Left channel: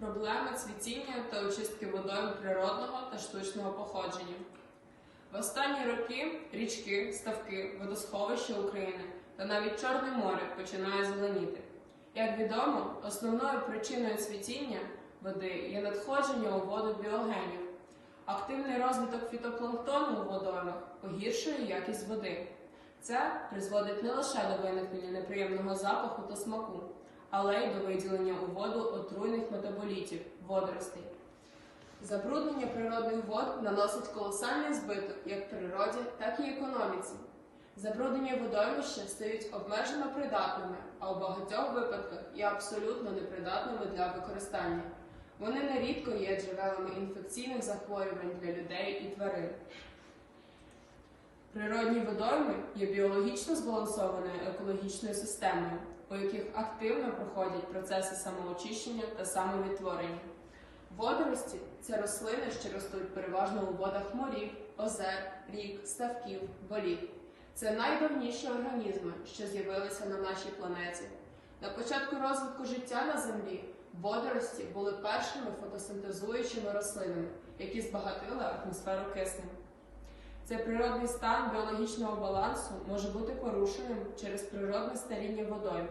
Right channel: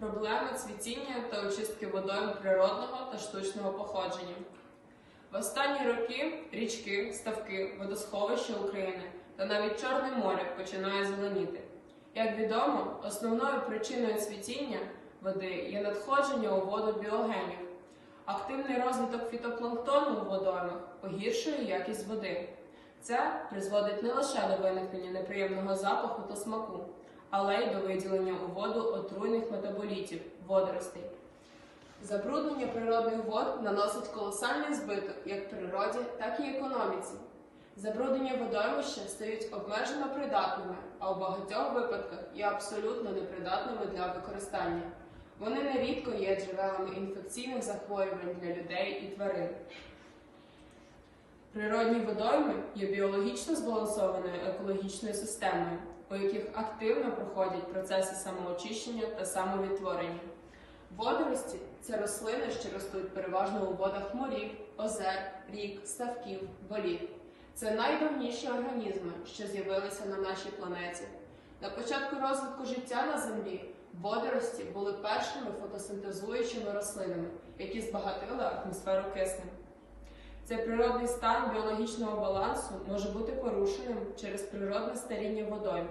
Проблема цвітіння та очистки водойм природного та штучного походження. В останні роки річки, ставки, водосховища України та навіть Чорне море починає зеленіти. Як відомо, основною причиною цвітіння води є надходження у воду біогенів. Активний розвиток фітопланктону у водоймах погіршує якість води. Це призводить не лише до виникнення неприємного запаху та смаку, але й до виділення у воду отруйних метаболітів водоростей. Забруднення природних вод наносить колосальний збиток як природі, так і економіці. Забруднення водоймища стають обмежено придатними, а у багатьох випадках є абсолютно непридатними для використання. Вони нерідко є джерелами інфекційних захворювань для людей і тварин. Природні водойми є біологічно збалансованою екологічною системою, у яких активно проходять процеси самоочищення та самовідтворення. Водорості це рослини, що ростуть переважно у водах морів, озер, рік, ставків, боліт. Це найдавніші організми, що з'явилися на нашій планеті. На початку розвитку життя на землі водорості були першими фотосинтезуючими рослинами, які збагатили атмосферу киснем. Цей природний стан біологічного балансу може бути порушеним через природне старіння водойм,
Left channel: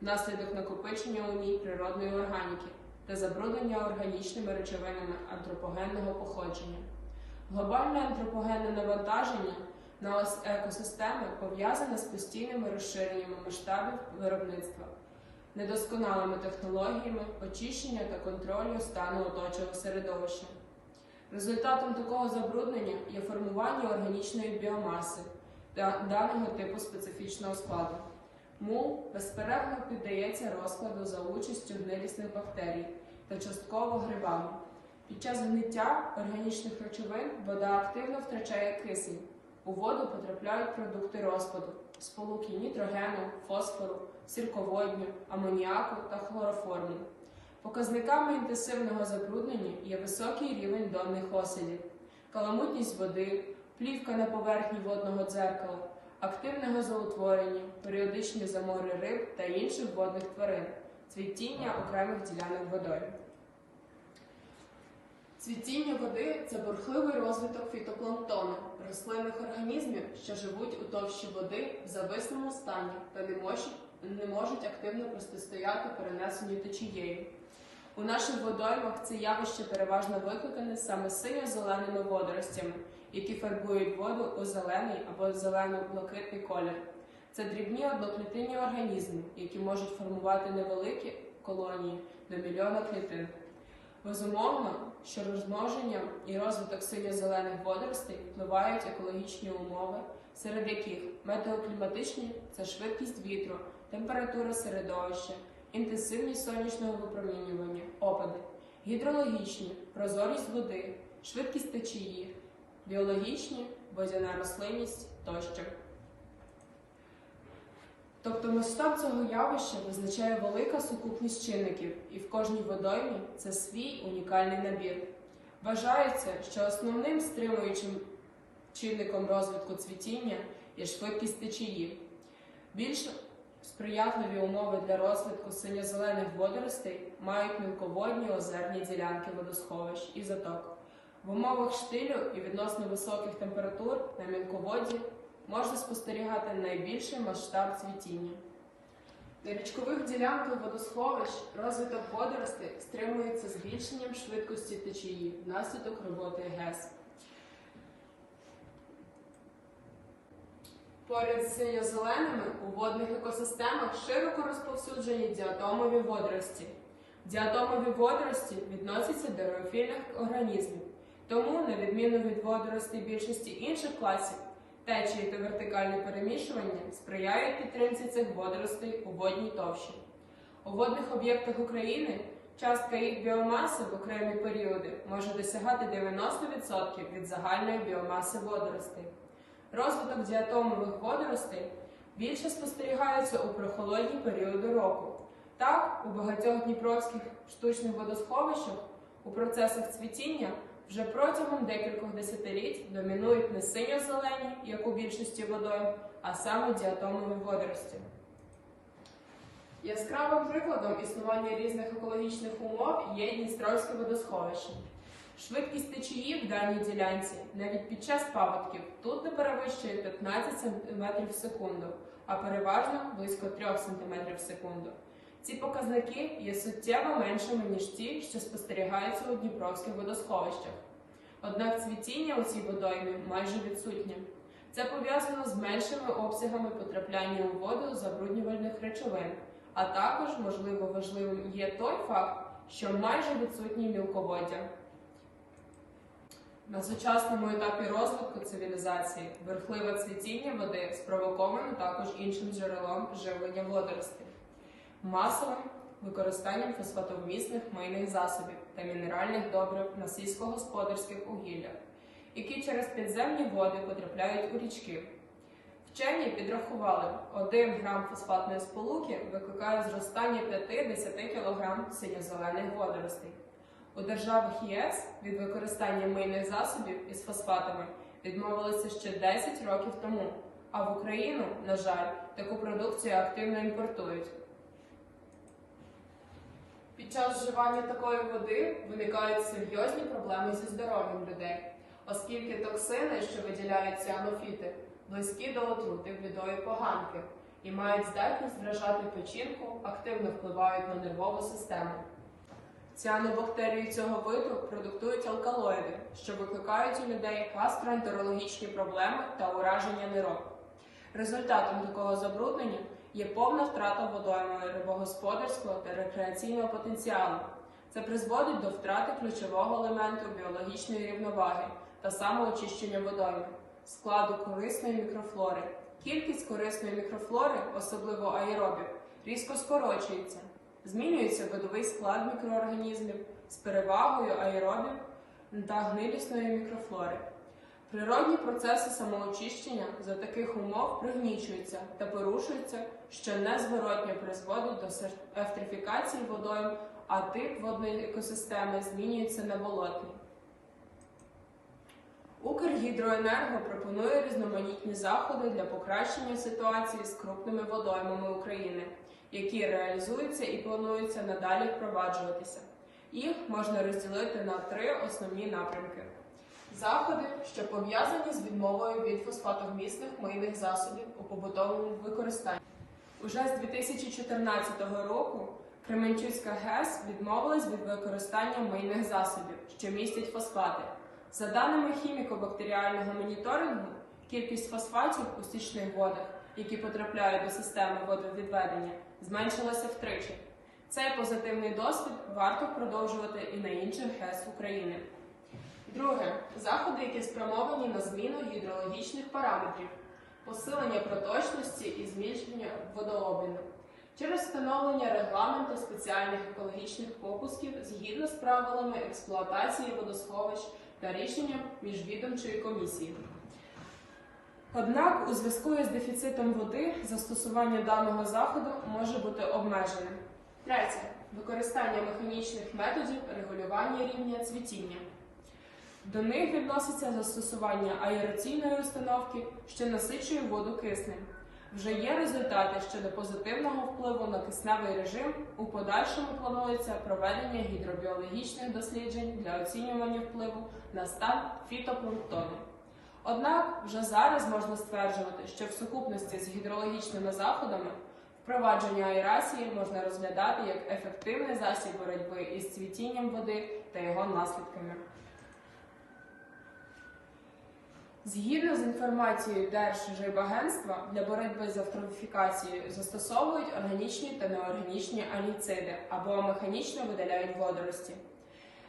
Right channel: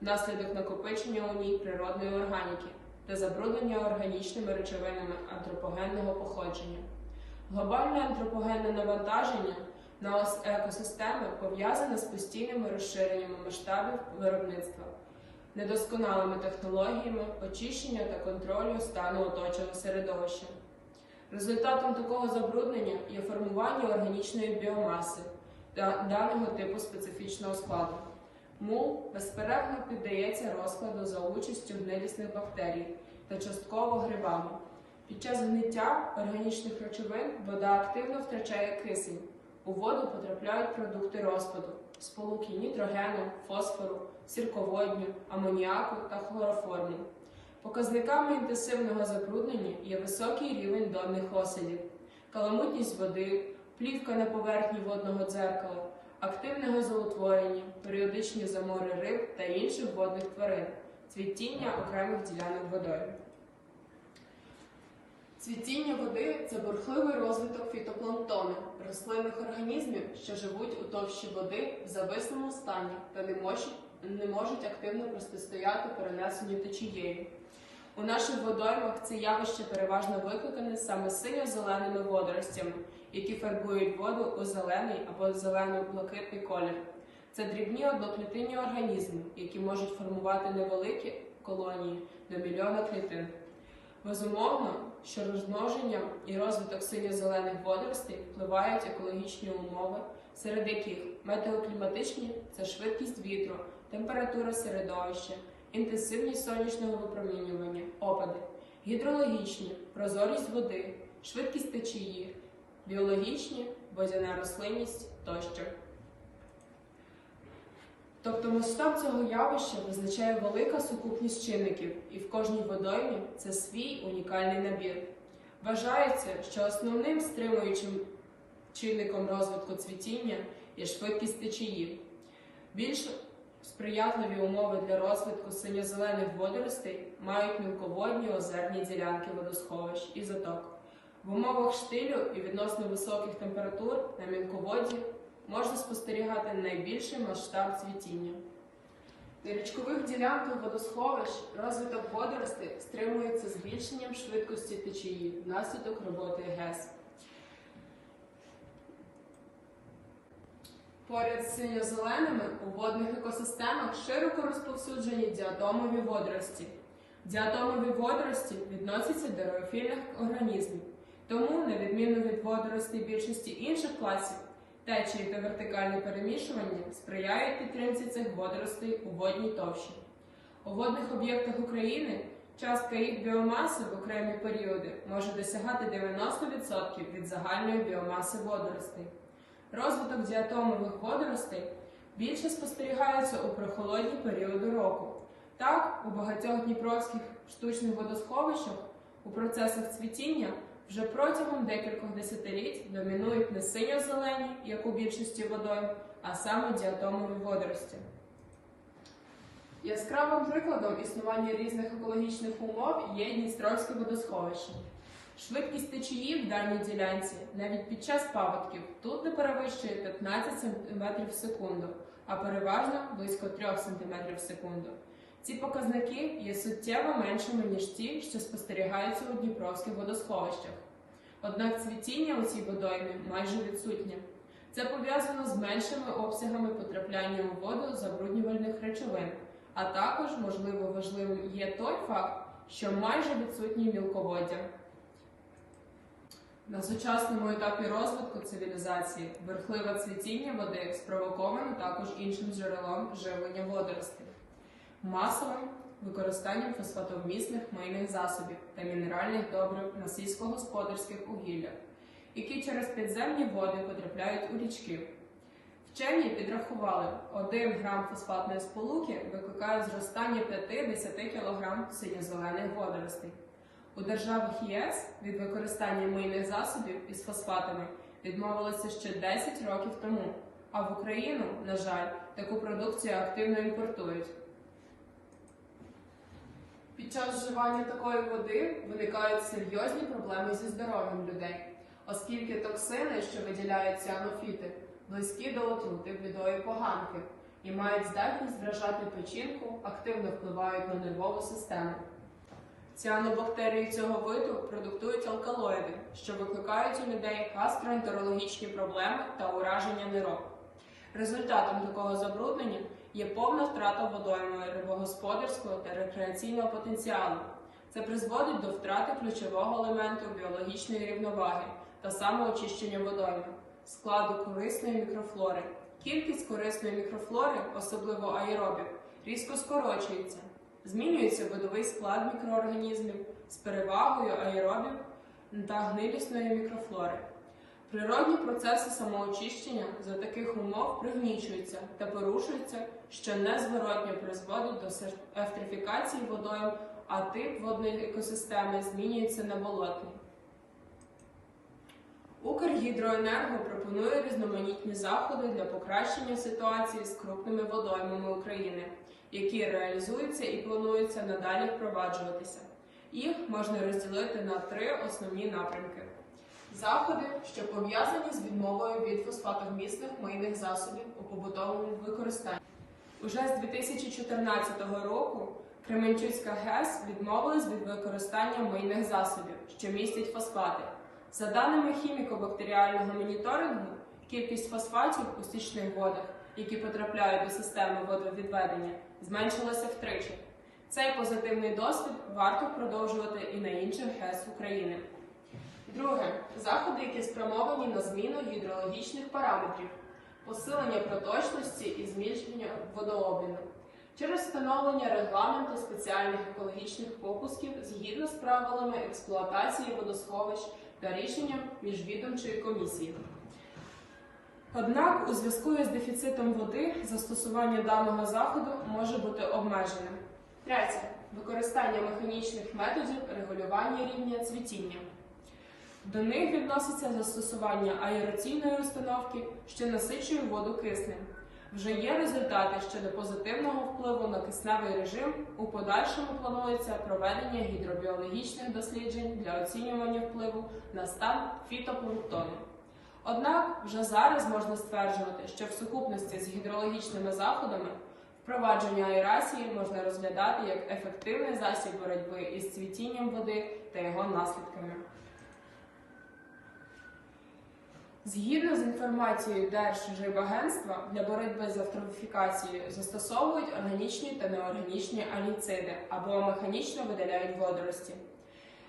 внаслідок накопичення у ній природної органіки та забруднення органічними речовинами антропогенного походження. Глобальне антропогенне навантаження на екосистеми пов'язане з постійними розширеннями масштабів виробництва, недосконалими технологіями очищення та контролю стану оточого середовища. Результатом такого забруднення є органічної біомаси даного типу специфічного складу. Мул безперервно піддається розкладу за участю гнилісних бактерій та частково грибами. Під час гниття органічних речовин вода активно втрачає кисень. У воду потрапляють продукти розпаду, сполуки нітрогену, фосфору, сірководню, амоніаку та хлороформу. Показниками інтенсивного забруднення є високий рівень донних осадів, каламутність води, плівка на поверхні водного дзеркала, активне газоутворення, періодичні замори риб та інших водних тварин, цвітіння окремих ділянок водою. Цвітіння води це бурхливий розвиток фітопланктону, рослинних організмів, що живуть у товщі води в зависному стані та не можуть, не можуть активно протистояти перенесенню течією. У наших водоймах це явище переважно викликане саме синьо-зеленими водоростями, які фарбують воду у зелений або зелено-блакитний колір. Це дрібні одноклітинні організми, які можуть формувати невеликі колонії до мільйона клітин. Безумовно, що розмноження і розвиток синьо-зелених водоростей впливають екологічні умови, серед яких метеокліматичні це швидкість вітру, температура середовища, інтенсивність сонячного випромінювання, опади, гідрологічні, прозорість води, швидкість течії, біологічні, водяна рослинність тощо. Тобто масштаб цього явища визначає велика сукупність чинників, і в кожній водоймі це свій унікальний набір. Вважається, що основним стримуючим чинником розвитку цвітіння є швидкість течії. Більш сприятливі умови для розвитку синьо-зелених водоростей мають мілководні озерні ділянки водосховищ і заток. В умовах штилю і відносно високих температур на мілководді можна спостерігати найбільший масштаб цвітіння. На річкових ділянках водосховищ розвиток водоростей стримується збільшенням швидкості течії внаслідок роботи ГЕС. Поряд з синьо-зеленими у водних екосистемах широко розповсюджені діатомові водорості. Діатомові водорості відносяться до реофільних організмів, тому, на відміну від водоростей більшості інших класів, течії та вертикальне перемішування сприяють підтримці цих водоростей у водній товщі. У водних об'єктах України частка їх біомаси в окремі періоди може досягати 90% від загальної біомаси водоростей. Розвиток діатомових водоростей більше спостерігається у прохолодні періоди року. Так, у багатьох дніпровських штучних водосховищах у процесах цвітіння вже протягом декількох десятиліть домінують не синьо-зелені, як у більшості водойм, а саме діатомові водорості. Яскравим прикладом існування різних екологічних умов є Дністровське водосховище. Швидкість течії в даній ділянці навіть під час паводків тут не перевищує 15 см в секунду, а переважно близько 3 см в секунду. Ці показники є суттєво меншими, ніж ті, що спостерігаються у Дніпровських водосховищах. Однак цвітіння у цій водоймі майже відсутнє. Це пов'язано з меншими обсягами потрапляння у воду забруднювальних речовин, а також, можливо, важливим є той факт, що майже відсутні мілководдя. На сучасному етапі розвитку цивілізації верхливе цвітіння води спровоковано також іншим джерелом живлення водоростей масовим використанням фосфатовмісних мийних засобів та мінеральних добрив на сільськогосподарських угіллях, які через підземні води потрапляють у річки. Вчені підрахували, 1 грам фосфатної сполуки викликає зростання 5-10 кг синьо-зелених водоростей. У державах ЄС від використання мийних засобів із фосфатами відмовилися ще 10 років тому, а в Україну, на жаль, таку продукцію активно імпортують. Під час вживання такої води виникають серйозні проблеми зі здоров'ям людей, оскільки токсини, що виділяють ціанофіти, близькі до отрути відої поганки і мають здатність вражати печінку, активно впливають на нервову систему. Ціанобактерії цього виду продуктують алкалоїди, що викликають у людей гастроентерологічні проблеми та ураження нирок. Результатом такого забруднення є повна втрата водоймою рибогосподарського та рекреаційного потенціалу. Це призводить до втрати ключового елементу біологічної рівноваги та самоочищення водойми, складу корисної мікрофлори. Кількість корисної мікрофлори, особливо аеробів, різко скорочується. Змінюється видовий склад мікроорганізмів з перевагою аеробів та гнилісної мікрофлори. Природні процеси самоочищення за таких умов пригнічуються та порушуються, що незворотньо призводить до ефтрифікації водойм, а тип водної екосистеми змінюється на болотний. Укргідроенерго пропонує різноманітні заходи для покращення ситуації з крупними водоймами України, які реалізуються і плануються надалі впроваджуватися. Їх можна розділити на три основні напрямки. Заходи, що пов'язані з відмовою від фосфатовмісних мийних засобів у побутовому використанні. Уже з 2014 року Кременчуцька ГЕС відмовилась від використання мийних засобів, що містять фосфати. За даними хіміко-бактеріального моніторингу, кількість фосфатів у стічних водах, які потрапляють до системи водовідведення, зменшилася втричі. Цей позитивний досвід варто продовжувати і на інших ГЕС України. Друге заходи, які спрямовані на зміну гідрологічних параметрів, посилення проточності і зміщення водообміну через встановлення регламенту спеціальних екологічних попусків згідно з правилами експлуатації водосховищ та рішенням міжвідомчої комісії. Однак, у зв'язку з дефіцитом води застосування даного заходу може бути обмеженим. Третє використання механічних методів регулювання рівня цвітіння. До них відноситься застосування аераційної установки, що насичує воду киснем. Вже є результати щодо позитивного впливу на кисневий режим. У подальшому планується проведення гідробіологічних досліджень для оцінювання впливу на стан фітопланктону. Однак вже зараз можна стверджувати, що в сукупності з гідрологічними заходами впровадження аерації можна розглядати як ефективний засіб боротьби із цвітінням води та його наслідками. Згідно з інформацією Держрибагентства, для боротьби з автрофікацією застосовують органічні та неорганічні аніциди або механічно видаляють водорості.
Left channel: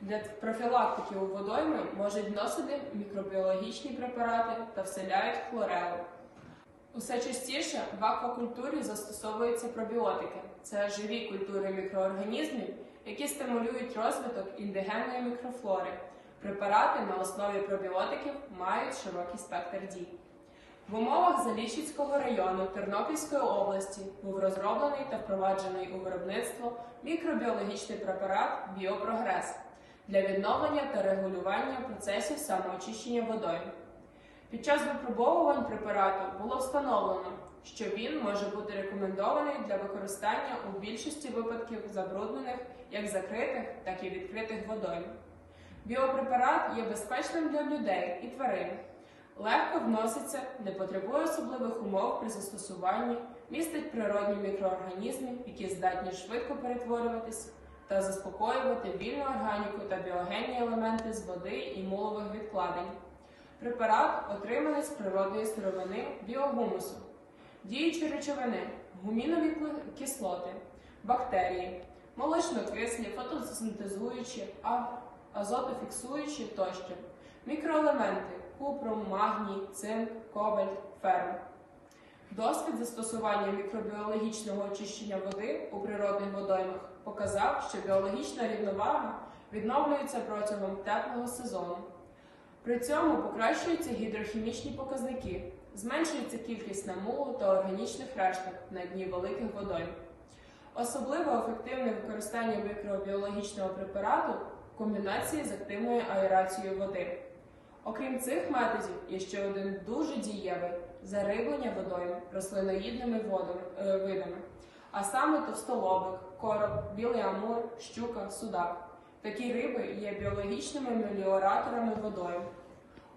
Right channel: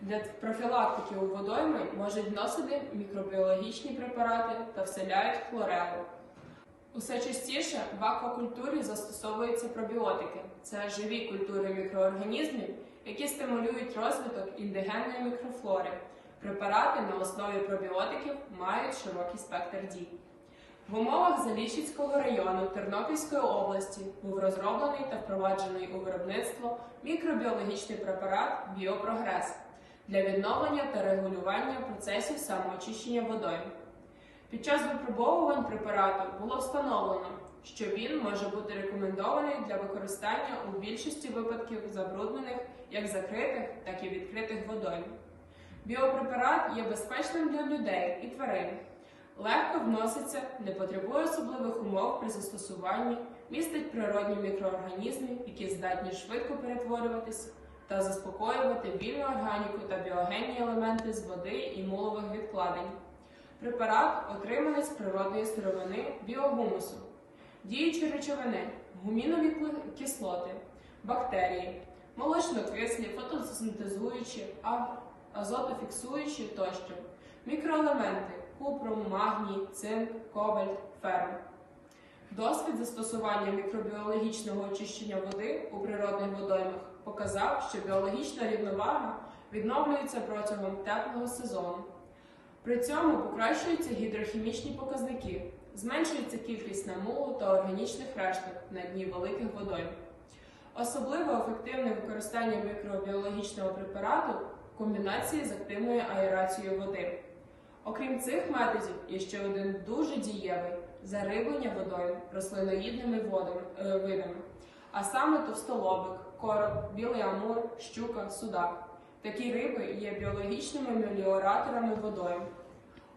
Для профілактики у водойми можуть вносити мікробіологічні препарати та вселяють хлорелу. Усе частіше в аквакультурі застосовуються пробіотики. Це живі культури мікроорганізмів, які стимулюють розвиток індигенної мікрофлори. Препарати на основі пробіотиків мають широкий спектр дій. В умовах Заліщицького району Тернопільської області був розроблений та впроваджений у виробництво мікробіологічний препарат Біопрогрес для відновлення та регулювання процесів самоочищення водою. Під час випробовувань препарату було встановлено, що він може бути рекомендований для використання у більшості випадків забруднених як закритих, так і відкритих водойм. Біопрепарат є безпечним для людей і тварин, легко вноситься, не потребує особливих умов при застосуванні, містить природні мікроорганізми, які здатні швидко перетворюватись та заспокоювати вільну органіку та біогенні елементи з води і мулових відкладень. Препарат отриманий з природної сировини біогумусу, діючі речовини, гумінові кислоти, бактерії, молочнокислі, фотосинтезуючі, азотофіксуючі тощо, мікроелементи купрум, магній, цинк, кобальт, ферм. Досвід застосування мікробіологічного очищення води у природних водоймах показав, що біологічна рівновага відновлюється протягом теплого сезону. При цьому покращуються гідрохімічні показники, зменшується кількість намулу та органічних решток на дні великих водойм. Особливо ефективне використання мікробіологічного препарату в комбінації з активною аерацією води. Окрім цих методів, є ще один дуже дієвий зариблення водою рослиноїдними водами, е, видами, а саме товстолобик, короб, білий амур, щука, судак. Такі риби є біологічними меліораторами водою.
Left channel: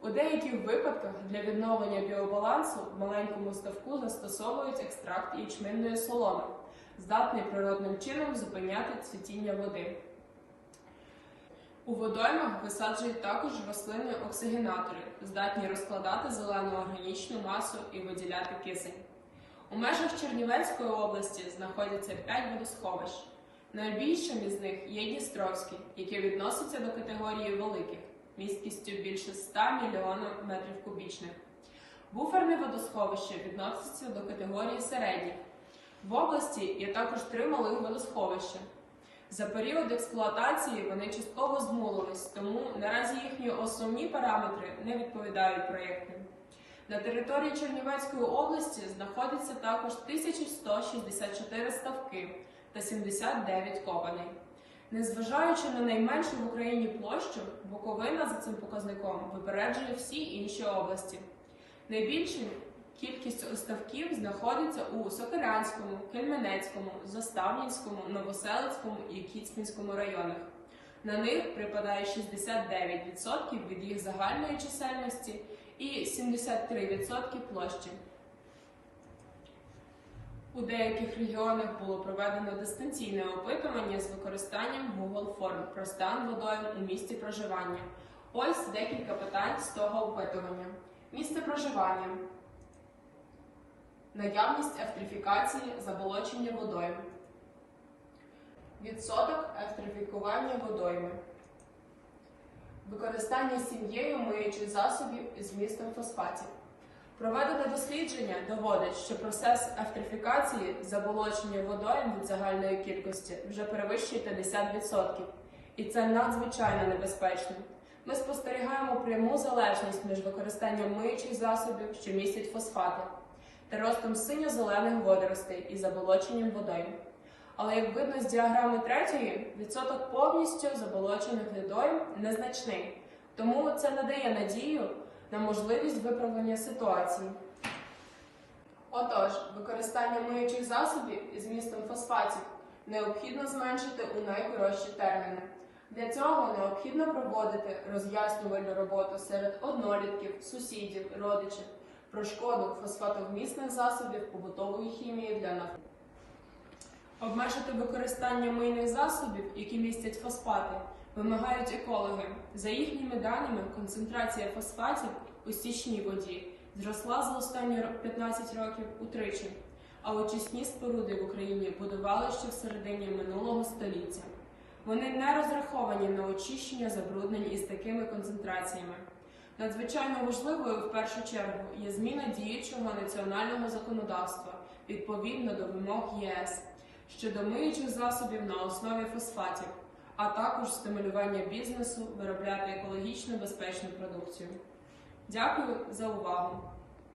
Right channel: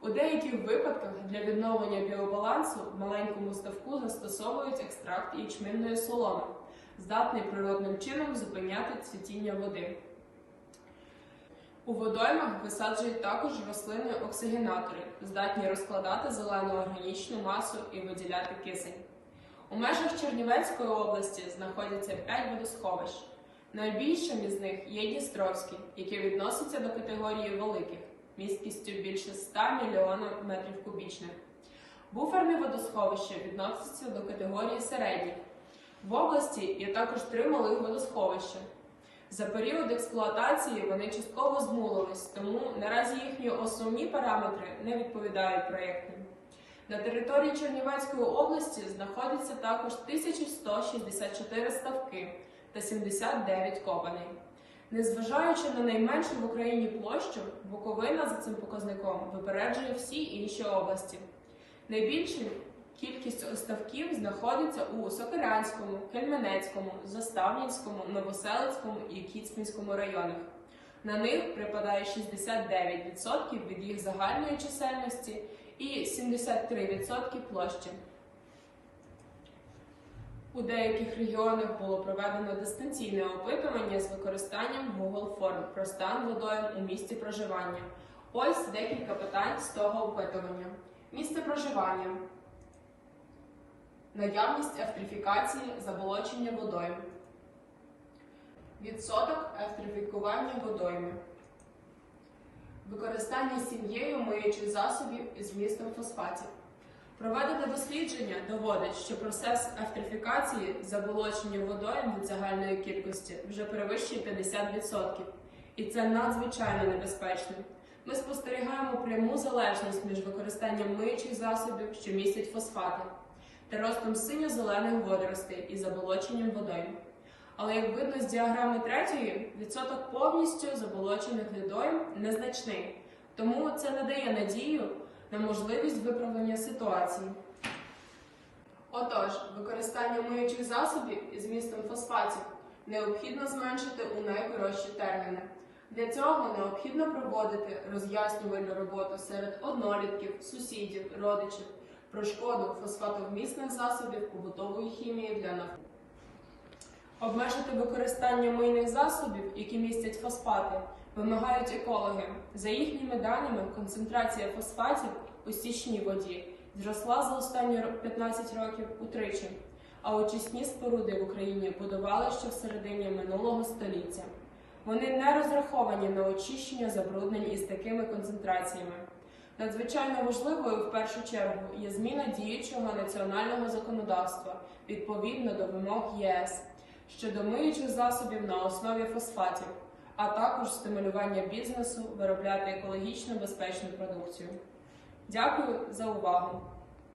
У деяких випадках для відновлення біобалансу в маленькому ставку застосовують екстракт ячменної соломи, здатний природним чином зупиняти цвітіння води. У водоймах висаджують також рослини оксигенатори, здатні розкладати зелену органічну масу і виділяти кисень. У межах Чернівецької області знаходяться 5 водосховищ. Найбільшим із них є Дністровський, який відноситься до категорії великих, місткістю більше 100 мільйонів метрів кубічних. Буферне водосховище відноситься до категорії середніх. В області є також три малих водосховища. За період експлуатації вони частково змулились, тому наразі їхні основні параметри не відповідають проєкту. На території Чернівецької області знаходяться також 1164 ставки та 79 копаней. Незважаючи на найменшу в Україні площу, Буковина за цим показником випереджує всі інші області. Найбільша кількість ставків знаходиться у Сокирянському, Кельменецькому, Заставнівському, Новоселицькому і Кіцмінському районах. На них припадає 69% від їх загальної чисельності і 73% площі. У деяких регіонах було проведено дистанційне опитування з використанням Google форм про стан водою у місці проживання. Ось декілька питань з того опитування. Місце проживання. Наявність ефтрифікації заболочення водою. Відсоток ефтрифікування водойми. Використання сім'єю миючих засобів із вмістом фосфатів. Проведене дослідження доводить, що процес ефтрифікації заболочення водойм від загальної кількості вже перевищує 50%. І це надзвичайно небезпечно. Ми спостерігаємо пряму залежність між використанням миючих засобів, що містять фосфати, та ростом синьо-зелених водоростей і заболоченням водойм. Але як видно з діаграми третьої, відсоток повністю заболочених водойм незначний, тому це не дає надію на можливість виправлення ситуації. Отож, використання миючих засобів із містом фосфатів необхідно зменшити у найкоротші терміни. Для цього необхідно проводити роз'яснювальну роботу серед однолітків, сусідів, родичів про шкоду фосфатовмісних засобів побутової хімії для навколо. Обмежити використання мийних засобів, які містять фосфати, вимагають екологи. За їхніми даними, концентрація фосфатів у стічній воді зросла за останні 15 років утричі, а очисні споруди в Україні будували ще в середині минулого століття. Вони не розраховані на очищення забруднень із такими концентраціями. Надзвичайно важливою в першу чергу є зміна діючого національного законодавства відповідно до вимог ЄС щодо миючих засобів на основі фосфатів, а також стимулювання бізнесу виробляти екологічно безпечну продукцію. Дякую за увагу!